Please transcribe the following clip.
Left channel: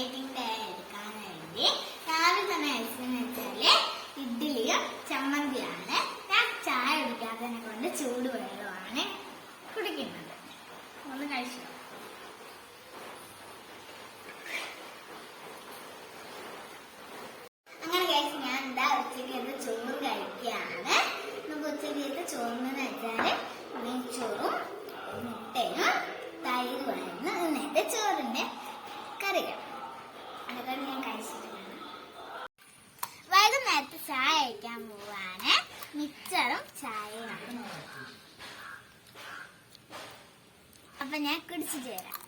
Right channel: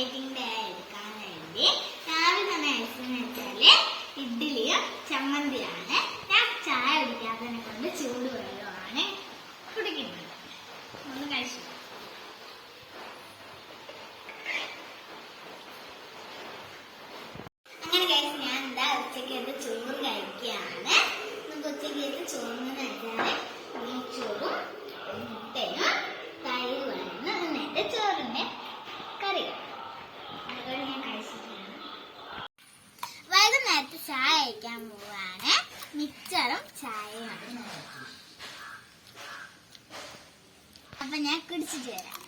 Dieting എടുക്കാൻ വേണ്ടി രാവിലെ തന്നെ കഴിച്ചെന്ന് വെച്ചാല് ഇഡ്ഡലിയും ചമ്മന്തിയാണ്. ഞാൻ ചായ കുടിക്കാത്തതിനെ കൊണ്ട് ചൂടുവെള്ളമാണ് കുടിക്കുന്നത്. ഒന്ന് കഴിച്ചു. അങ്ങനെ കഴിച്ച് ഞാൻ എന്താ ഉച്ചക്കത്തെ ചോറ് കഴിക്കുകയാണ്. നമുക്ക് ഉച്ചക്കത്തെ ചോറിന് വെച്ചാല് നെയ്ച്ചോറും മുട്ടയും തൈരുമായിരുന്നു ഇന്നത്തെ ചോറിന്റെ കറികൾ. അതൊക്കെ ഞാൻ കഴിച്ചിട്ടുണ്ട്. വൈകുന്നേരത്ത് ചായ കഴിക്കാൻ പോവാണ്. മിച്ചറും ചായയാണ്. അപ്പൊ ഞാൻ കുടിച്ചിട്ട് വരാം.